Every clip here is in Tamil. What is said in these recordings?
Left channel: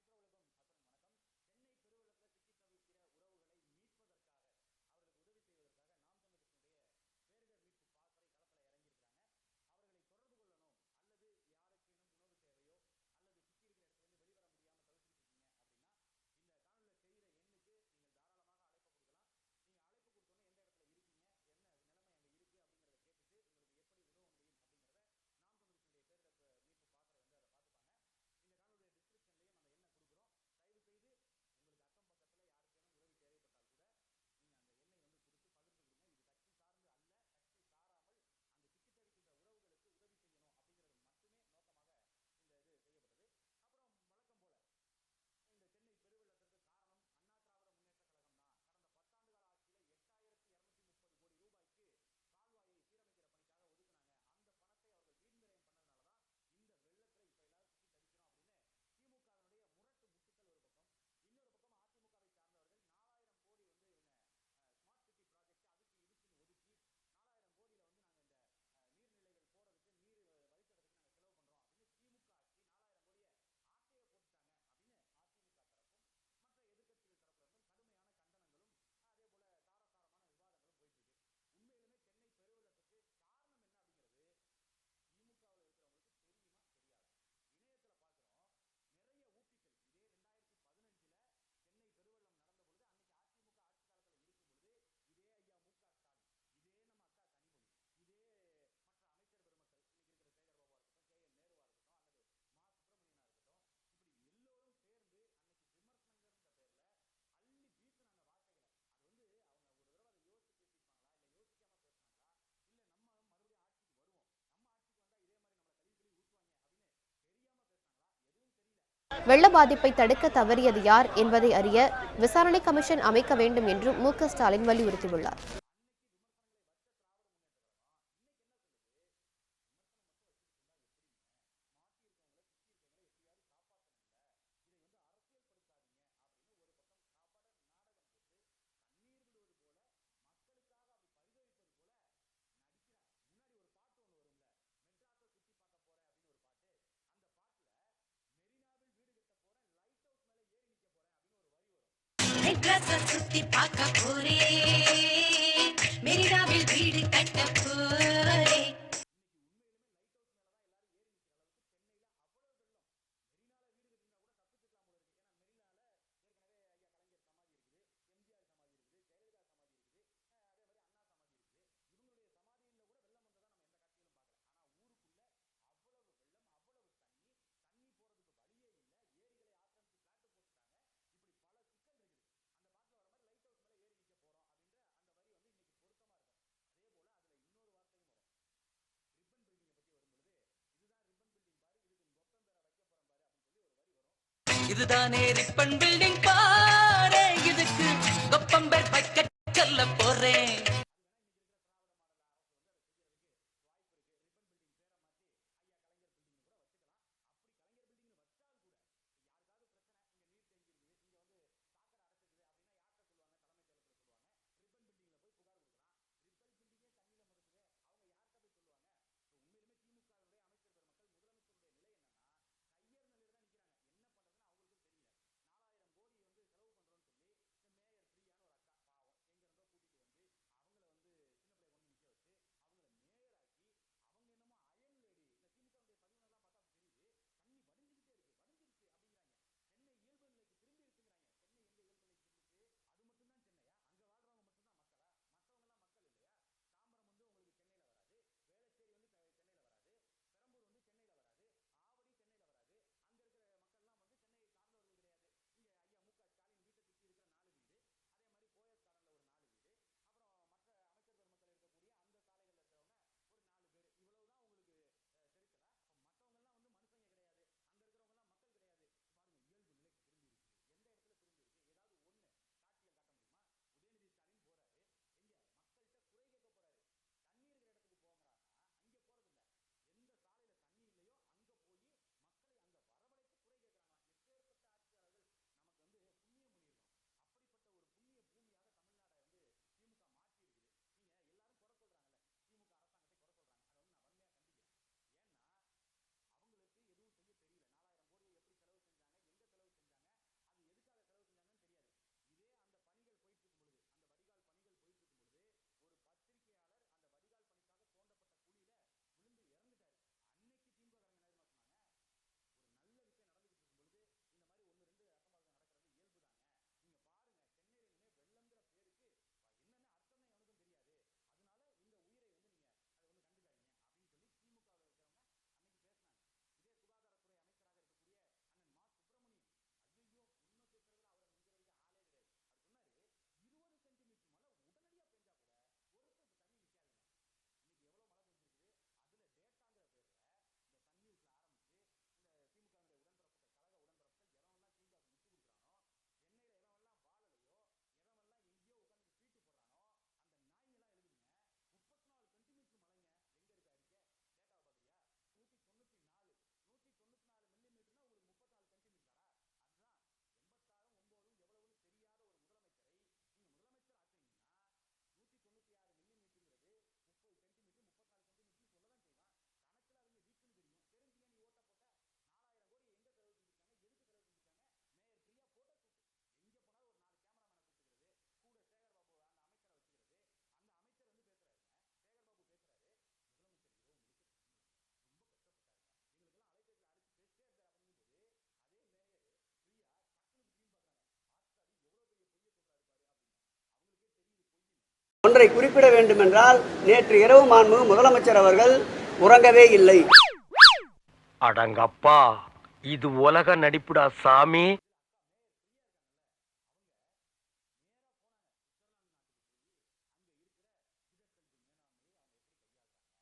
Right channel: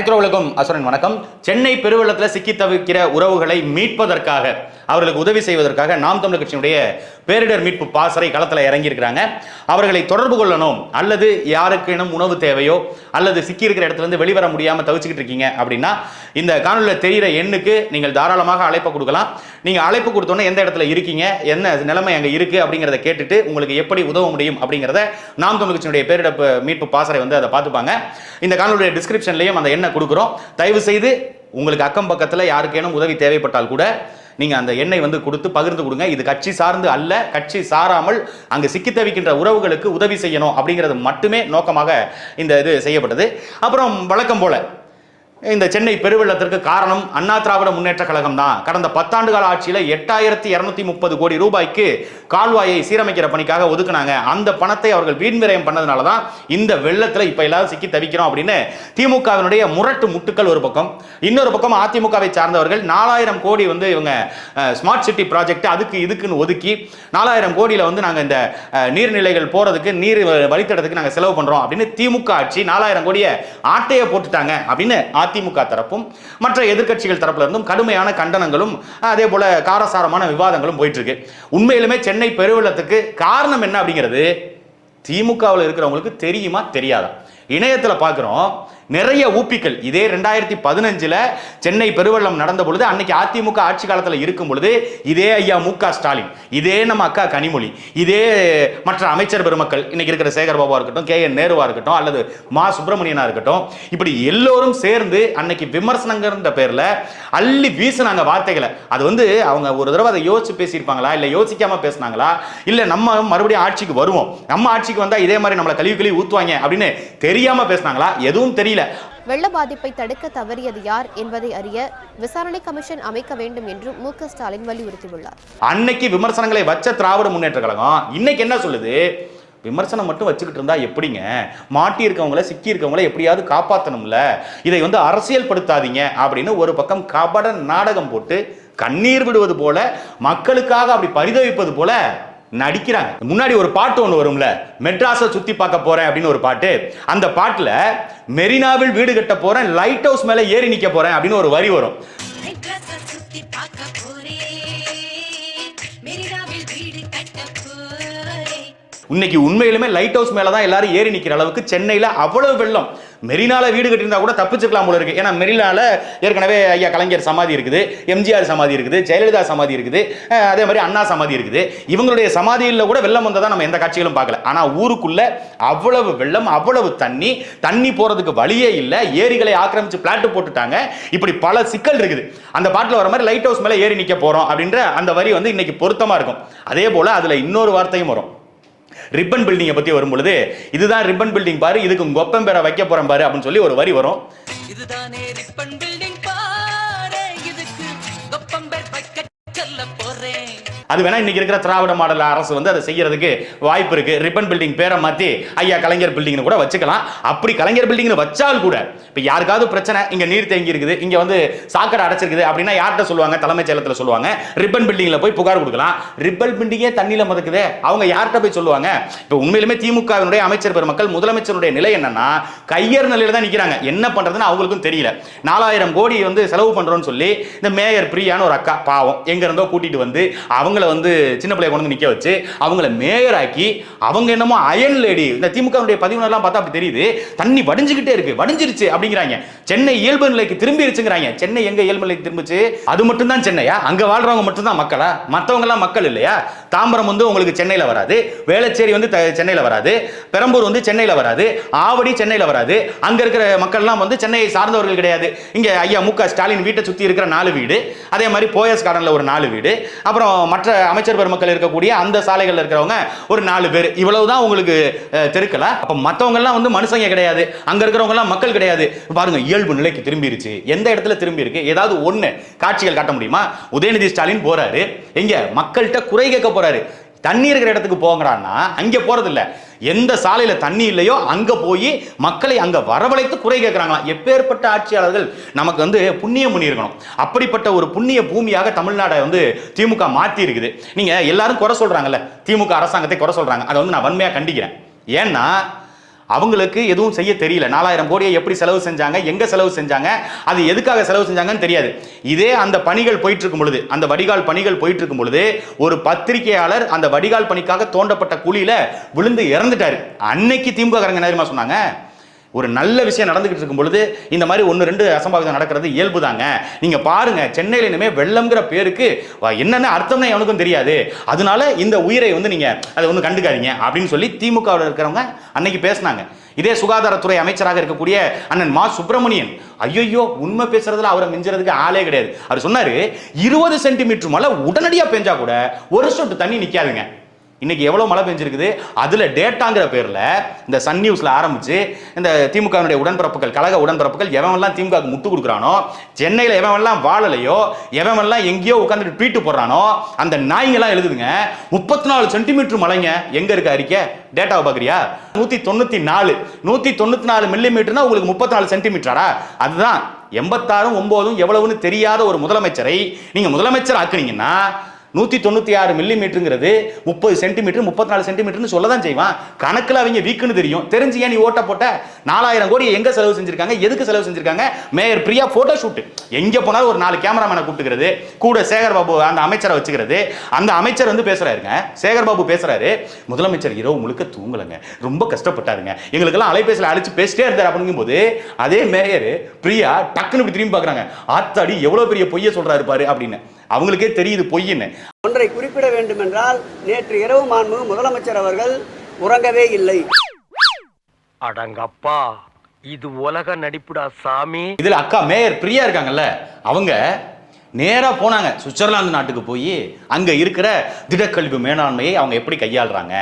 அனைத்துறவுகளுக்கும் அசுரன் வணக்கம். சென்னை பெருவெள்ளத்தில் சிக்கி தவிக்கிற உறவுகளை மீட்பதற்காக. அவர்களுக்கு உதவி செய்வதற்காக நாம் தமிழர் கட்சியினுடைய பேரிடர் மீட்பு பாசறை களத்தில் இறங்கியிருக்கிறாங்க. அவர்களை தொடர்பு கொள்ளணும். அல்லது யாருக்கேனும் உணவு தேவையோ அல்லது சிக்கி இருக்கிற வெளிவர முடியாமல் தவிச்சுக்கிட்டு இருக்கீங்க அப்படின்னா இந்த காணொலியில் தெரிகிற எண்ணுக்கு நீங்கள் தாராளமாக அழைப்பு கொடுக்கலாம். நீங்கள் அழைப்பு கொடுத்தோன்னே எந்த இடத்துல இருக்கீங்க என்ன நிலைமை அங்கே இருக்குது அப்படிங்கிறத கேட்டுட்டு உங்களுக்கு எப்படி உதவ முடியும் அப்படிங்கிறத நாம் தமிழ் கட்சியினுடைய பேரிடர் மீட்பு பாசறை வந்து அதை பார்த்துப்பாங்க. இந்த காணொலியுடைய டிஸ்கிரிப்ஷன்லையும் அந்த எண்ணை கொடுக்குறோம். தயவு செய்து உங்களுக்கு அக்கம் பக்கத்தில் யாருக்கேனும் உதவி தேவைப்பட்டால் கூட நீங்கள் அந்த எண்ணெய் வந்து கொடுத்து பகிர்ந்து கொடுங்க. இது கட்சி சார்ந்து அல்ல கட்சி சாராமல் அங்கு சிக்கி தவிக்கின்ற உறவுகளுக்கு உதவி செய்யணும் அப்படிங்கிறது மட்டுமே நோக்கமாக இந்த இது செய்யப்பட்டது. அப்புறம் வழக்கம் போல இந்த சென்னை பெருவெள்ளத்திற்கு காரணம் அண்ணா திராவிட முன்னேற்ற கழகம் தான். கடந்த பத்தாண்டு கால ஆட்சியில் எட்டாயிரத்தி இரநூத்தி முப்பது கோடி ரூபாய்க்கு கால்வாயை சீரமைக்கிற பணிக்காக ஒதுக்குனாங்க. அந்த பணத்தை அவர்கள் வீண் விரயம் பண்ணதுனால தான் இந்த வெள்ளத்தில் இப்போ எல்லாரும் சிக்கி தவிக்கிறோம் அப்படின்னு திமுகவினுடைய முரட்டு முட்டுக்கள் ஒரு பக்கம். இன்னொரு பக்கம் அதிமுகவை சார்ந்தவர்கள் நாலாயிரம் கோடி வந்து இவங்க ஸ்மார்ட் சிட்டி ப்ராஜெக்ட் அதுக்கு இதுக்குன்னு ஒதுக்கி நாலாயிரம் கோடியில் வந்து நாங்கள் இந்த நீர்நிலைகள் போகிறதுக்கு நீர் வழித்தடத்துக்கு நாங்கள் செலவு பண்ணுறோம் அப்படின்னு திமுக ஆட்சி நாலாயிரம் கோடியை ஆட்டையை போட்டுட்டாங்க அப்படின்னு அதிமுக தரப்பும் மற்ற எதிர்க்கட்சிகள் தரப்புல இருந்தும் கடுமையான கண்டனங்களும் அதே போல காரசாரமான விவாதங்களும் போயிட்டு இருக்கு உண்மையிலுமே சென்னை பெருவெள்ளத்துக்கு காரணம் என்ன அப்படிங்கிறது திமுகவில் இருக்கிறவங்களுக்கு தெரியுமா தெரியாதா? இணையத்தில் பார்க்குறோம் நிறைய ஊப்பிகள் இதே ரெண்டாயிரத்தி பதினஞ்சில் சென்னை பெருவெள்ளம் நடந்த பொழுது அன்னைக்கு அதிமுக ஆட்சி காலத்தில் இருக்கும் பொழுது இதே ஐயா மு க ஸ்டாலின் இதே நம்ம அக்கா கனிமொழி இதே மற்ற அமைச்சர் பெருமக்கள் இன்னைக்கு இருக்கிற சேகர் பாபா இருக்கட்டும் கே என் நேருவா இருக்கட்டும் அல்லது மா சுப்பிரமணியனா இருக்கட்டும் இப்படி எல்லோரும் சேர்ந்து அன்னைக்கு விமர்சனங்கிற பேர்ல அள்ளி வீசுனாங்க வார்த்தைகளை. அது வந்து அவங்க ஒரு தடவை அதை யோசிச்சு பேசியிருப்பாங்களா? இல்லை யோசிக்காம பேசுனாங்களா? இல்லை நம்ம மறுபடியும் ஆட்சிக்கு வருவோம். நம்ம ஆட்சிக்கு வந்தால் இதே மாதிரி நம்மளை கழுவி கழுவி ஊற்றுவாங்க அப்படின்னு தெரியாம பேசுனாங்களா? எதுவும் தெரியல. வெள்ள பாதிப்பை தடுக்க தவறியது யார் என்பதை அறிய விசாரணை கமிஷன் அமைக்க வேண்டும் என்று மு ஸ்டாலின் வலியுறுத்தியுள்ளார். அன்னைக்கு விமர்சனங்களை வச்ச திராவிட முன்னேற்ற கழகம் இன்னைக்கு என்ன சொல்லுது? விமர்சனம் மட்டும் வச்சுக்கிட்டு இருந்தா எப்படிங்க? மாட்டி இருக்கவங்கள சிக்கி இருக்கவங்கள எப்படியாவது காப்பாற்றணும்ல இதை வந்து அரசியல்படுத்தாதீங்க அப்படின்னு ஒரு பக்கம் கபட நாடகம் போட்டு கண்ணீர் விடுவது போல மக்களுக்காக அப்படி பரிதவிப்பது போல நடிக்கிறாங்க. முன்னாடி ஒரு பாட்டு ஒன்று வரும்ல மெட்ராஸை சுற்றி பார்க்க போகிறேன் அப்படின்னு ஒரு பாட்டு. அந்த பாட்டில் மெரினாவில் வீடு கட்ட போகிறேன் லைட் ஹவுஸ் மேலே ஏறி நிற்க போகிறேன் அப்படின்னு ஒரு வரி வரும். இன்னைக்கு உண்மையிலுமே லைட் ஹவுஸ் மேலே தான் எல்லாரும் ஏறி நிற்கிற அளவுக்கு சென்னையில் அவ்வளவு வெள்ளம். மெரினால வீடு கட்டியிருந்தா கூட தப்பிச்சுக்கலாம் போல இருக்கு. ஏன்னா மெரினால ஏற்கனவே ஐயா கலைஞர் சமாதி இருக்குது எம்ஜிஆர் சமாதி இருக்குது ஜெயலலிதா சமாதி இருக்குது அதே மாதிரி அண்ணா சமாதி இருக்குது. இவங்களுடைய சமாதியில் கூட வெள்ளம் வந்ததா நம்ம எந்த காட்சிகளும் பார்க்கல. ஆனால் ஊருக்குள்ள அவ்வளவு வெள்ளம் அவ்வளவு தண்ணி தண்ணி போறதுக்கு வழியே இல்லை. ஏரிகளை ஆக்கிரமிச்சு பிளாட் போட்டுட்டாங்க. இப்படி பல சிக்கல் இருக்குது. அந்த பாட்டில் வர மாதிரி லைட் ஹவுஸ் மேலே ஏறி நிற்க போறோம் அப்படின்ற அந்த வரி வந்து இன்னைக்கு பொருத்தமா இருக்கும். அதே போல அதுல இன்னொரு வார்த்தையும் வரும். ரிப்பன் பில்டிங்கை பற்றி வரும்பொழுது இதுதான் ரிப்பன் பில்டிங் பாரு இதுக்கு கொப்பம் பெற வைக்க போறேன் பாரு அப்படின்னு சொல்லி ஒரு வரி வரும். இதுதானே ரிப்பன் பில்டிங் பாரு இதுக்கு கொப்பம்பேர் வைக்க சொல்ல போறேன். அது வேணா இன்னைக்கு இருக்கிற திராவிட மாடல் அரசு வந்து அதை செய்யறதுக்கு வாய்ப்பு இருக்கு. ரிப்பன் பில்டிங் பேரை மாத்தி ஐயா கலைஞர் பில்டிங்னு கூட வச்சுக்கலாம். அப்படி கலைஞர் பில்டிங்னு வச்சால் கூட இப்போ யாருக்காவது பிரச்சனை இங்க நீர் தேங்கி இருக்குது இங்க வந்து சாக்கடை அடைச்சிருக்குது அப்படின்னா யார்கிட்ட சொல்லுவாங்க? தலைமைச் செயலத்தில் சொல்லுவாங்க. ரிப்பன் பில்டிங்ல போய் புகார் கொடுக்கலாம். ரிப்பன் பில்டிங்கே தண்ணியில மதக்குதே. அவங்க யார்கிட்ட போய் சொல்லுவாங்க? இப்போ உண்மையிலுமே திமுகவினுடைய அமைச்சர் பெருமக்கள் முதலமைச்சருடைய நிலை என்னன்னா கையர் நிலையில தான் நிக்கிறாங்க. என்ன பண்றதுன்னு அவங்களுக்கும் தெரியல. நாலாயிரம் கோடி வந்து செலவு பண்றோம்னு சொல்லி இந்த மேயர் பிரியான்னு ஒரு அக்கா பாவம் எங்க இருந்தோ கூட்டிட்டு வந்து அவங்கள வந்து சின்ன பிள்ளைய கொண்டு வந்து நிக்க வச்சு அவங்கள மேயராக்கி அவங்க என்னமோ அயன் லேடி இந்த திமுகவுடைய பதிவுனர்லாம் பார்த்தா அப்படி தெரியுது. தண்ணி வடிஞ்சுக்கிட்டே இருக்கு. வடிஞ்சிருச்சு அப்படிங்கிறாங்க. சென்னை இயல்பு நிலைக்கு திரும்பிருச்சுங்கிறாங்க. சென்னை எங்க இயல்பு நிலைக்கு திரும்பிச்சு? அது மட்டும் தான் சென்னையா? அங்க வாழ்றவங்க மட்டும் தான் மக்களா? மற்றவங்க எல்லாம் மக்கள் இல்லையா? தாம்பரம் வந்து உங்களுக்கு சென்னையில வராது. வேளச்சேரி வந்து சென்னையில வராது. பெரம்பூர் வந்து சென்னையில வராது. ஆவடி சென்னையில வராது. அங்க இருக்கிற மக்கள்லாம் வந்து சென்னையை சார்ந்தவர்கள் கிடையாது. இங்க ஐயா மு க ஸ்டாலின் வீட்டை சுத்தி இருக்கிற நாலு வீடு. அதே மாதிரி போயஸ் கார்டன்ல ஒரு நாலு வீடு. அப்புறம் மற்ற அமைச்சர் பெருமக்கள் இருக்கக்கூடிய அந்த சாலைகளில் இருக்கிறவங்க ஒரு நாலு பேர். இவ்வளவுதான் உங்களுக்கு தெருக்கல அப்போ அப்ப மத்தவங்க எல்லாம் வந்து மனுஷங்க கிடையாது. அங்க இருக்கிறவங்க எல்லாம் மக்கள் கிடையாது. பாருங்க இயல்பு நிலைக்கு திரும்பிருச்சு. எந்த இடத்துல திரும்பி இருக்கு ஏதாவது ஒண்ணு. காட்சிகள் காட்ட முடியுமா? உதயநிதி ஸ்டாலின் போறாரு. எங்க? மக்கள்கிட்ட குறை கேட்க போறாரு. தண்ணி இருக்கிற இடத்துக்கு போங்கிறான்னா அங்கே போகிறதில்ல எந்த சாலையில் தண்ணி இல்லையோ அங்கே போய் மக்களை அங்கே வரவழைத்து குறை கேட்குறாங்களாம். எப்பேற்பட்ட ஆட்சியாளர்கள் நமக்கு வந்து புண்ணியம் பண்ணியிருக்கணும். அப்படிப்பட்ட ஒரு புண்ணிய பூமியாக தமிழ்நாடை வந்து திமுக மாற்றி இருக்குது நீங்கள் எல்லாரும் குறை சொல்கிறாங்கல்ல திமுக அரசாங்கத்தை குறை சொல்கிறாங்க அதை வந்து நான் வன்மையாக கண்டிக்கிறேன். ஏன்னா அவங்களுக்கு எதுவும் செய்ய தெரியல. நாலாயிரம் கோடியை எப்படி செலவு செஞ்சாங்க? எங்க செலவு செஞ்சாங்க? அது எதுக்காக செலவு செஞ்சாங்கன்னு தெரியாது. இதே அந்த பணிகள் போயிட்டு இருக்கும் பொழுது அந்த வடிகால் பணிகள் போயிட்டு இருக்கும் பொழுது ஒரு பத்திரிகையாளர் அந்த வடிகால் பணிக்காக தோண்டப்பட்ட குழியில விழுந்து இறந்துட்டாரு. அன்னைக்கு திமுக காரங்க என்ன சொன்னாங்க? ஒரு நல்ல விஷயம் நடந்துகிட்டு இருக்கும் பொழுது இந்த மாதிரி ஒன்று ரெண்டு அசம்பாவிதம் நடக்கிறது இயல்பு தாங்க நீங்கள் பாருங்க சென்னையில் இனிமேல் வெள்ளம்ங்கிற பேருக்கு என்னென்ன அர்த்தம்னு எவனுக்கும் தெரியாது. அதனால இந்த உயிரை வந்து நீங்கள் அதை ஒன்றும் கண்டுக்காதீங்க அப்படின்னு சொல்லி திமுகவில் இருக்கிறவங்க அன்னைக்கு பேசினாங்க. இதே சுகாதாரத்துறை அமைச்சராக இருக்கக்கூடிய அண்ணன் மா. சுப்பிரமணியன் ஐயோ உண்மை பேசுறதுல அவரை மிஞ்சுறதுக்கு ஆளே கிடையாது. அவர் சொன்னாரு இருபது சென்டிமீட்டர் மழை உடனடியாக பெஞ்சா கூட ஒரு சொட்டு தண்ணி நிற்காதுங்க இன்னைக்கு எவ்வளவு மழை பெஞ்சிருக்குது? அதுல டேட்டாங்கிற பேர்ல இந்த சன் நியூஸ்ல ஆரம்பிச்சு இந்த திமுகவினுடைய உடன்பிறப்புகள் கழக உடன்பிறப்புகள் எவன்லாம் திமுக முட்டு கொடுக்குறானோ சென்னையில எவன்லாம் வாழலையோ எவன்லாம் எங்கேயோ உட்காந்துட்டு ட்வீட்டு போடுறானோ அந்த நாய்ங்கெல்லாம் எழுதுதுங்க. முப்பத்தி நாலு சென்டிமீட்டர் மழைங்க எங்க இருக்கு அறிக்கை? டேட்டாவை பாக்குறியா? நூத்தி தொண்ணூத்தி நாலு நூத்தி தொண்ணூத்தி நாலு மில்லிமீட்டர்னா உங்களுக்கு முப்பத்தி நாலு சென்டிமீட்டரா அதுதான். எண்பத்தாறும் ஒன்பதும் எவ்வளவுன்னு தெரியாத ஒரு முதலமைச்சரை நீங்க முதலமைச்சர் ஆக்குனீங்கன்னா நூற்றி தொண்ணூற்றி ஆறு மில்லிமீட்டருங்கிறது முப்பது சென்டிமீட்டர் முப்பத்தி நாலு சென்டிமீட்டர்னு சொல்ல தான் செய்வான். கணக்கில் அவங்க வீக்குன்னு தெரியும். தெரிஞ்சு ஏன் நீ ஓட்ட போட்ட? நாலாயிரம் கோடி எங்கே செலவு செஞ்சுருக்காங்க? எதுக்கு செலவு செஞ்சுருக்காங்க? மேயர் பிரியா ஃபோட்டோ ஷூட் எங்கே போனாலும் ஒரு நாலு கேமராமேனை கூப்பிட்டுக்கிறது. கூட சேகர் பாபு அந்த அமைச்சரை வச்சுக்கிறது. அந்த அமைச்சர் வந்து பேசுகிறாருங்க சேகர் பாபு பேசுறாரு. முதலமைச்சர் இரவு முழுக்க தூங்கலைங்க. ரொம்ப கஷ்டப்பட்டாருங்க. எங்களுக்கெல்லாம் அலைபேசியில் அழைச்சு பேசிட்டே இருந்தார் அப்படிங்கும்போது அதே மேயர் பிரியா டக்குன்னு இப்படி திரும்பி பார்க்குறாங்க. ஆத்தாடி எவ்வளோ பெரிய பொய்யை சொல்கிறாரு பாரு அப்படின்னு. அவங்களுக்கே தெரியுது பொய்ன்னு ஒன்றை குறிப்பிட வேண்டுமென்றால் நேற்று இரவு மாண்பு முதலமைச்சர் அவர்கள் உறங்கவே இல்லை. அடங்கப்பா இது உலக நடிப்புடா சாமி. இதுல அக்கா மேயர் பிரியா இருக்காங்கல்ல அவங்க நேராக போனாங்க. சுவிட்சர்லாந்து நாட்டுக்கு போய் அங்கே இருக்கிற திடக்கழிவு மேலாண்மையை அவங்க எப்படி கையாளுறாங்க?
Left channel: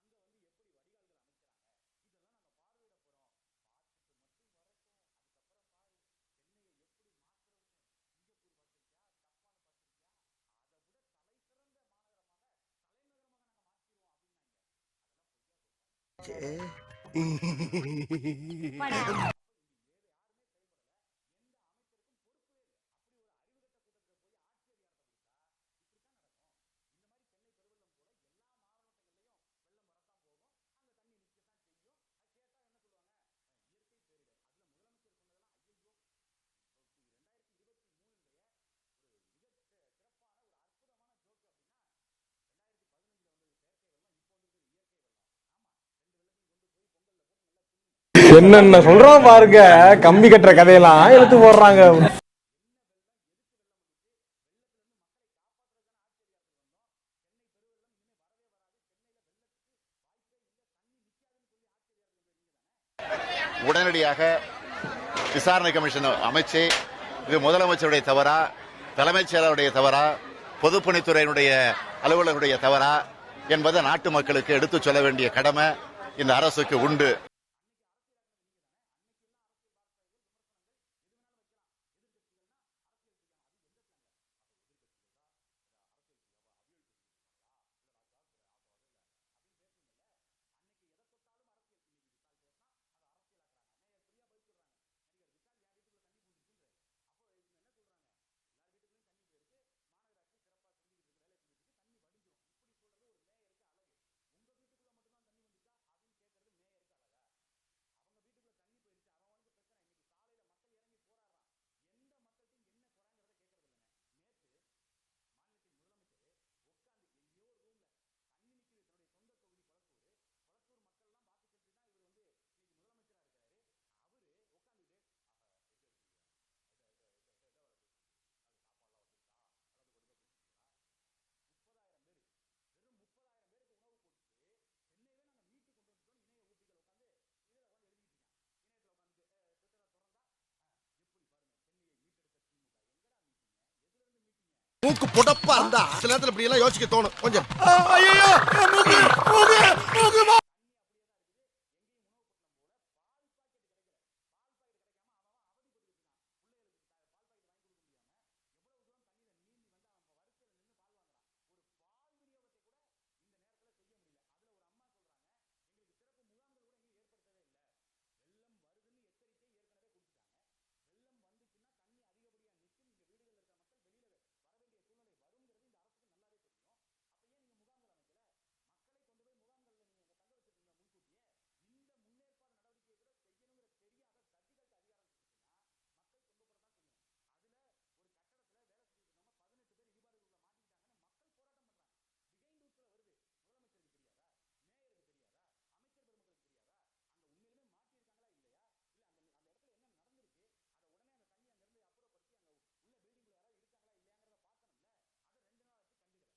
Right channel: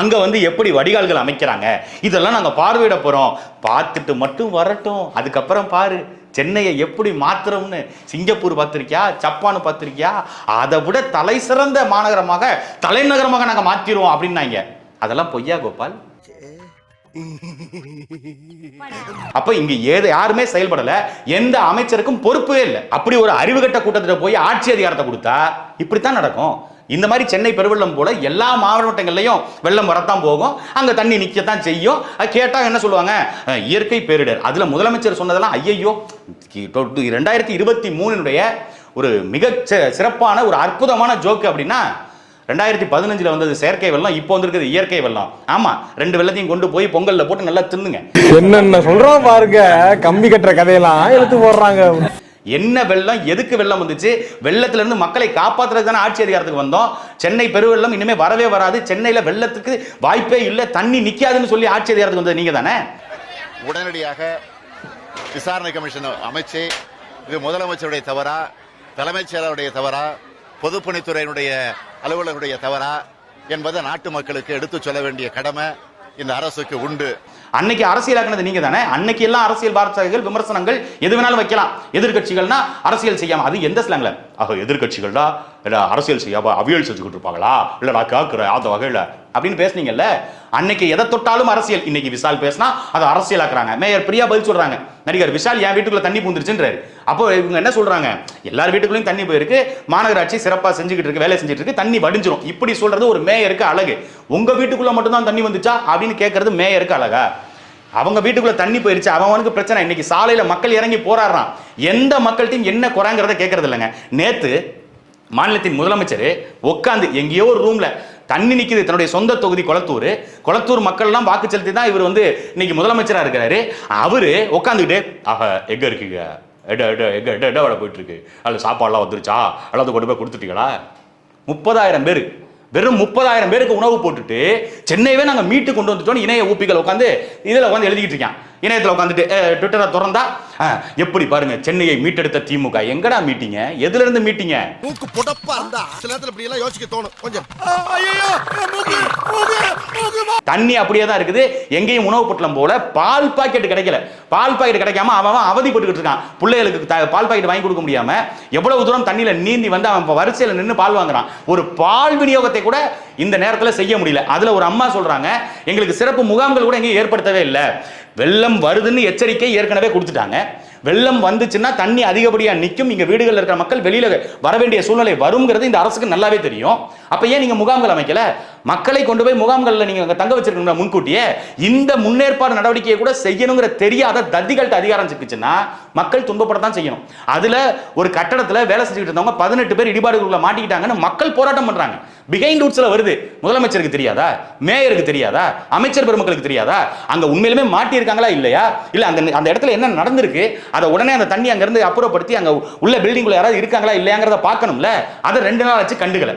அங்கே வந்து எப்படி வடிகால்கள் அமைக்கிறாங்க? இதெல்லாம் நாங்கள் பார்வையிட போகிறோம் பார்த்துட்டு மட்டும் வரட்டும். அதுக்கப்புறம் பாரு சென்னையை எப்படி மாத்துறோம்னு. சிங்கப்பூர் பார்த்திருக்கியா? ஜப்பான் பார்த்திருக்கியா? அதை விட தலை சிறந்த மாநகரமாக தலைநகரமாக நாங்கள் மாற்றிடுவோம் அப்படின்னாங்க. அதெல்லாம் பொய்யா கோபால்? அப்ப இங்க ஏது யாருமே செயல்படல எந்த அமைச்சருக்கும் பொறுப்பே இல்லை. அப்படி ஒரு அறிவுகட்ட கூட்டத்தில் போய் ஆட்சி அதிகாரத்தை கொடுத்தா இப்படித்தான் நடக்கும். இந்த மாதிரி சென்னை பெருவெள்ளம் போல எல்லா மாவட்டங்கள்லையும் வெள்ளம் வரத்தான் போகும். அங்க தண்ணி நிக்கத்தான் செய்யும். அது கேட்டா என்ன சொல்லுவாங்க? இயற்கை பேரிடர். அதுல முதலமைச்சர் சொன்னதெல்லாம் ஐயையோ ரெண்டாயிரத்தி இருபத்தி மூணுடைய ஒரு மிக சிறப்பான ஒரு அற்புதமான ஜோக்கு அப்படின்னா ரெண்டாயிரத்தி பதினஞ்சுல வந்தது செயற்கை வெள்ளம் இப்போ வந்திருக்குது இயற்கை வெள்ளம். ஆமா ரெண்டு வெள்ளத்தையும் கொண்டு போய் பொங்கல்ல போட்டு நல்லா தின்னுங்க. என்னென்ன சொல்றான் பாருங்க கம்பி கட்டுற கதையெல்லாம் எடுத்து போடுறாங்க. என்ன வெள்ளம் எதுக்கு வெள்ளம் வந்துச்சு? வெள்ளத்துல இருந்து மக்களை காப்பாத்துறதுக்கு தானே ஆட்சி அதிகாரத்துக்கு வந்தோம். சென்னை பெருவெள்ளம் இனிமே வரவே வராது. சென்னையில வெள்ளத்துக்கு வாய்ப்பே இல்லை தண்ணி நிக்காதுன்னு சொல்லி ஆட்சி அதிகாரத்துக்கு வந்தது நீங்க தானே? உடனடியாக விசாரணை கமிஷன் அமைச்சு இது முதலமைச்சருடைய தவறா தலைமைச் செயலருடைய தவறா பொதுப்பணித்துறையினுடைய அலுவலருடைய தவறா என்பதை நாட்டு மக்களுக்கு எடுத்துச் சொல்ல வேண்டிய கடமை இந்த அரசுக்கு உண்டு. அன்னைக்கு அரசியலாக்குனது நீங்க தானே அன்னைக்கு எல்லாம் அரசியல் வார்த்தைகள் விமர்சனங்கள் எது வேணாலும் வைக்கலாம். எதிர்க்கட்சிகள்னா அரசியல் செய்யாம அது எந்த ஸ்லாங்ல ஆக எதிர்க்கட்சிகள்டா? இல்ல அரசியல் செய்யாம அவியல் செஞ்சுக்கிட்டு இருப்பாங்களா? இல்ல நான் கேட்கிறேன் அந்த வகையில. அப்படின்னு பேசுனீங்கல்ல? அன்னைக்கு எதை தொட்டாலும் அரசியல். இன்னைக்கு விஷால் பேசினா அதை அரசியலாக்குறாங்க. மேயர் பிரியா பதில் சொல்றாங்க. நடிகர் விஷால் என் வீட்டுக்குள்ள தண்ணி பூந்துருச்சுன்றாரு. அப்போ இவங்க என்ன சொல்றாங்க? எல்லார் வீட்டுக்குள்ளேயும் தண்ணி போயிருக்கு. மாநகராட்சி சிறப்பாக செஞ்சுக்கிட்டு இருக்கு வேலை செஞ்சுட்டு இருக்கு. தண்ணி வடிஞ்சிரும். இப்படி சொல்றது ஒரு மேயருக்கு அழகு. உங்க வீட்டுக்குள்ள மட்டும்தான் தண்ணி வந்துச்சா? அப்படின்னு கேட்கறது மேயருக்கு அழகா. அவங்க வீட்டுக்குள்ள தண்ணி போயிருச்சு. அவனுக்கு பிரச்சனை. இன்னைக்கு சாலையில மக்கள் இறங்கி போராடுறான். எந்த மக்கள்கிட்டையும் என்ன குறைங்கிறத கேட்கறது இல்லைங்க. நேத்து மாநிலத்தின் முதலமைச்சர் உட்காந்து எங்கேயோ ஒரு ரூம்ல தண்ணி நிற்கிது தன்னுடைய சொந்த தொகுதி கொளத்தூர். கொளத்தூர் மக்கள்லாம் வாக்கு செலுத்தி தான் இவர் வந்து இன்னைக்கு முதலமைச்சராக இருக்கிறாரு. அவர் உட்காந்துக்கிட்டு ஆஹா எங்க இருக்குங்க? எட எட எங்க எட எட வேலை போயிட்டு இருக்கு அதில் சாப்பாடுலாம் வந்துருச்சா? அல்லது கொண்டு போய் கொடுத்துட்டீங்களா? முப்பதாயிரம் பேர். வெறும் முப்பதாயிரம் பேருக்கு உணவு போட்டுட்டு சென்னையவே நாங்கள் மீட்டு கொண்டு வந்துட்டோம் இணைய ஊப்பிகள் உட்காந்து இதில் உட்காந்து எழுதிக்கிட்டு இருக்கான். இணையத்துல உட்காந்துட்டு ட்விட்டரை திறந்தா? எப்படி பாருங்க சென்னையை மீட்டெடுத்த திமுக. எங்கடா மீட்டிங்க எதுல இருந்து மீட்டிங்க மூக்கு புடப்பா இருந்தா சில நேரத்துல இப்படி எல்லாம் யோசிக்க தோணும் கொஞ்சம். தண்ணி அப்படியே தான் இருக்குது. எங்கேயும் உணவு பொட்டலம் போல பால் பாக்கெட் கிடைக்கல. பால் பாக்கெட் கிடைக்காம அவன் அவன் அவதிப்பட்டுக்கிட்டு இருக்கான். பிள்ளைகளுக்கு பால் பாக்கெட் வாங்கி கொடுக்க முடியாம எவ்வளவு தூரம் தண்ணியில நீந்தி வந்து அவன் வரிசையில நின்று பால் வாங்குறான். ஒரு பால் விநியோகத்தை கூட இந்த நேரத்துல செய்ய முடியல. அதுல ஒரு அம்மா சொல்றாங்க எங்களுக்கு சிறப்பு முகாம்கள் கூட எங்கேயும் ஏற்படுத்தவே இல்லை. வெள்ளம் வருதுன்னு எச்சரிக்கை ஏற்கனவே கொடுத்துட்டாங்க. வெள்ளம் வந்துச்சுன்னா தண்ணி அதிகப்படியாக நிற்கும். இங்கே வீடுகளில் இருக்கிற மக்கள் வெளியில வர வேண்டிய சூழ்நிலை வருங்கிறது இந்த அரசுக்கு நல்லாவே தெரியும். அப்போ ஏன் நீங்கள் முகாம்கள் அமைக்கல? மக்களை கொண்டு போய் முகாம்களில் நீங்கள் அங்கே தங்க வச்சிருக்கணும் முன்கூட்டியே இந்த முன்னேற்பாடு நடவடிக்கையை கூட செய்யணுங்கிற தெரியாத தத்திகள்கிட்ட அதிகாரம் சிக்கிச்சுன்னா மக்கள் துன்பப்படத்தான் செய்யணும். அதில் ஒரு கட்டடத்தில் வேலை செஞ்சுக்கிட்டு இருந்தவங்க பதினெட்டு பேர் இடிபாடுகளுக்குள்ள மாட்டிக்கிட்டாங்கன்னு மக்கள் போராட்டம் பண்ணுறாங்க பிகைண்ட் ரூட்ஸில் வருது. முதலமைச்சருக்கு தெரியாதா? மேயருக்கு தெரியாதா? அமைச்சர் பெருமக்களுக்கு தெரியாதா? அங்கே உண்மையிலுமே மாட்டியிருக்காங்களா இல்லையா? இல்லை அந்த அந்த இடத்துல என்ன நடந்திருக்கு? அதை உடனே அந்த தண்ணி அங்கேருந்து அப்புறப்படுத்தி அங்கே உள்ள பில்டிங்குள்ள யாராவது இருக்காங்களா இல்லையாங்கிறத பார்க்கணும்ல. அதை ரெண்டு நாள் ஆச்சு கண்டுகளை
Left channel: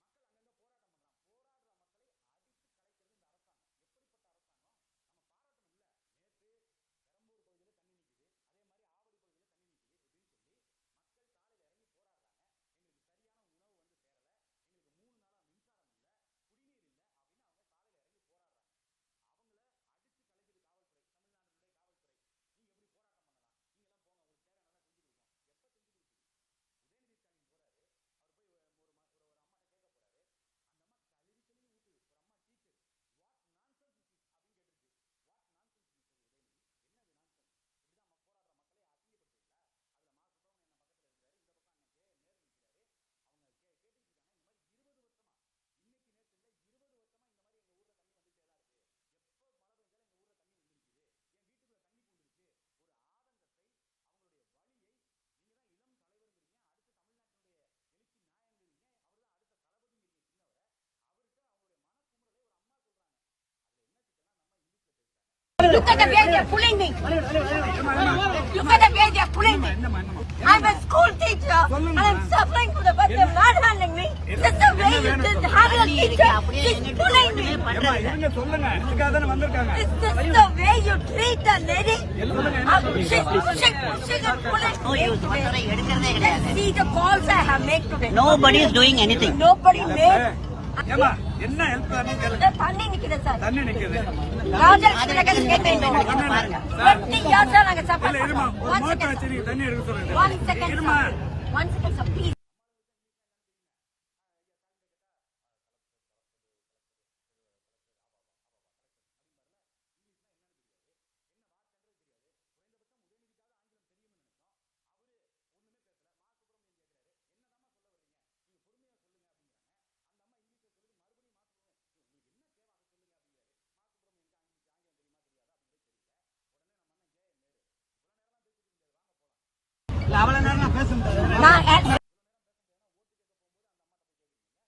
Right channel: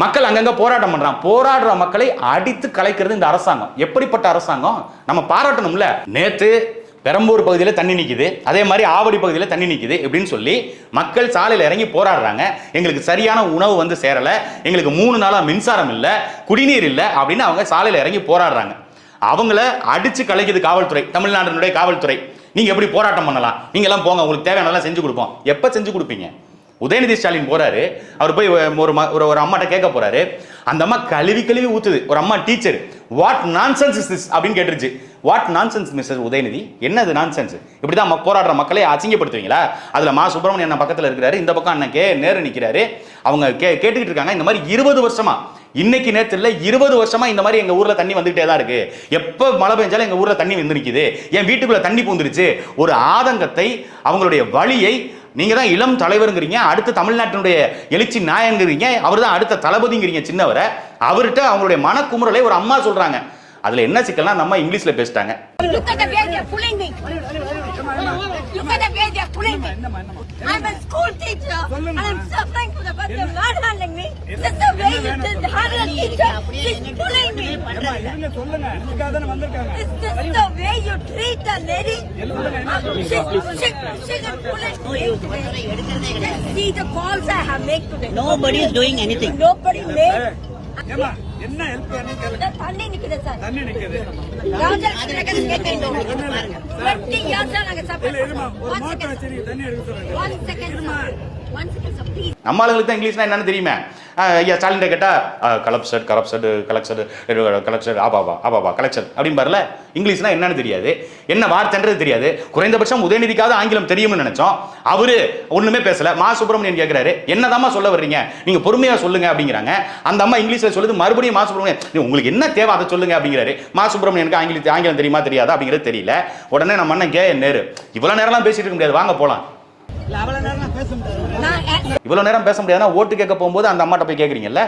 மக்கள் அங்கங்க போராட்டம் பண்றான். போராடுற மக்களை அடித்து கலைக்கிறது இந்த அரசாங்கம். எப்படிப்பட்ட அரசாங்கம்? நம்ம பாராட்டணும்ல. நேத்து பெரம்பூர் பகுதியில் தண்ணி நிற்கிது அதே மாதிரி ஆவடி பகுதியில் தண்ணி நிற்கிது இப்படின்னு சொல்லி மக்கள் சாலையில் இறங்கி போராடுறாங்க. எங்களுக்கு சரியான உணவு வந்து சேரலை. எங்களுக்கு மூணு நாளாக மின்சாரம் இல்லை குடிநீர் இல்லை அப்படின்னு அவங்க சாலையில் இறங்கி போராடுறாங்க. அவங்கள அடித்து கலைக்குது காவல்துறை தமிழ்நாட்டினுடைய காவல்துறை. நீங்கள் எப்படி போராட்டம் பண்ணலாம்? நீங்களாம் எல்லாம் போங்க. உங்களுக்கு தேவையானதெல்லாம் செஞ்சு கொடுப்போம். எப்போ செஞ்சு கொடுப்பீங்க? உதயநிதி ஸ்டாலின் போறாரு. அவர் போய் ஒரு ஒரு ஒரு அம்மாட்ட கேட்க போறாரு. அந்த அம்மா கழுவி கழுவி ஊத்துது. ஒரு அம்மா teacher what nonsense is this அப்படின்னு கேட்டுருச்சு. What nonsense mister Udhayanidhi? என்னது நான்சென்ஸ் இப்படி தான் போராடுற மக்களை அசிங்கப்படுத்துவீங்களா? அதில் மா. சுப்பிரமணியன் அண்ணன் பக்கத்தில் இருக்கிறாரு. இந்த பக்கம் அண்ணன் கே. நேரு நிற்கிறாரு அவங்க கே கேட்டுக்கிட்டு இருக்காங்க. இந்த மாதிரி இருபது வருஷமா இன்னைக்கு நேற்று இல்லை இருபது வருஷமா இந்த மாதிரி எங்கள் ஊரில் தண்ணி வந்துகிட்டே தான் இருக்கு. எப்போ மழை பெஞ்சாலும் எங்கள் ஊரில் தண்ணி வந்து நிற்கிது என் வீட்டுக்குள்ளே தண்ணி பூந்துருச்சு. ஒரு ஆதங்கத்தை அவங்களுடைய வழியை நீங்கள் தான் இளம் தலைவருங்கிறீங்க அடுத்த தமிழ்நாட்டினுடைய எழுச்சி நாயங்கிறீங்க அவர் தான் அடுத்த தளபதிங்கிறீங்க சின்னவரை. அவர்கிட்ட அவங்களுடைய மனக்குமுறலை ஒரு அம்மா சொல்கிறாங்க அதுல என்ன சிக்கல்னா நம்ம இங்கிலீஷ்ல பேசிட்டாங்க. Nobody is doing anything. Nobody made. என்ன ஹெல்ப் வேணும் கேளுங்க தண்ணி நிக்குது சார். தண்ணி நிக்குது. ராஜா கேட்டேன் நாங்க இல்ல இருமா ஒரு மோட்டர் தண்ணி எடுக்க சொல்லுங்க. இருமா நம்ம ஆளுங்களுக்கு தான் இங்கிலீஷ்னா என்னன்னு தெரியுமே. ஐயா ஸ்டாலின் கேட்டா கலப்சட் கரப்சட் கலெக்சட் கலெக்சட் ஆபாபா ஆபாபா கலெக்சட் அப்படின்னு பாருல இங்கிலீஷ்னா என்னன்னு தெரியாது. என்ன வார்த்தைன்றது தெரியாது. குறைந்தபட்சம் உதயநிதிக்காவது ஆங்கிலம் தெரியும்னு நினைச்சோம். அவரு ஒண்ணுமே பேசல. மா. சுப்பிரமணியன் கேட்கிறாரு என்னதாம்மா சொல்ல வர்றீங்க? நீங்க பொறுமையா சொல்லுங்க அப்படிங்கிறாங்க. அந்த அம்மா இங்கிலீஷ்ல சொல்லுது மறுபடியும் மா. சுப்பிரமணியன் உங்களுக்கு என்ன தேவை அதை சொல்லுங்க அப்படிங்கிறாரு. மா. சுப்பிரமணியனுக்கு ஆங்கிலம் ஆங்கிலம் தெரியுமா தெரியாதா அப்படிங்கிறது தெரியல. உடனே நம்ம அண்ணன் கே. நேரு இவ்வளவு நேரம்லாம் பேசிட்டு இருக்க முடியாது. வாங்க போலாம். இவ்வளவு நேரம் பேச முடியாது நேரம் பேச ஓட்டு கேட்க போகும்போது அந்த அம்மாட்ட போய் கேட்குறீங்கல்ல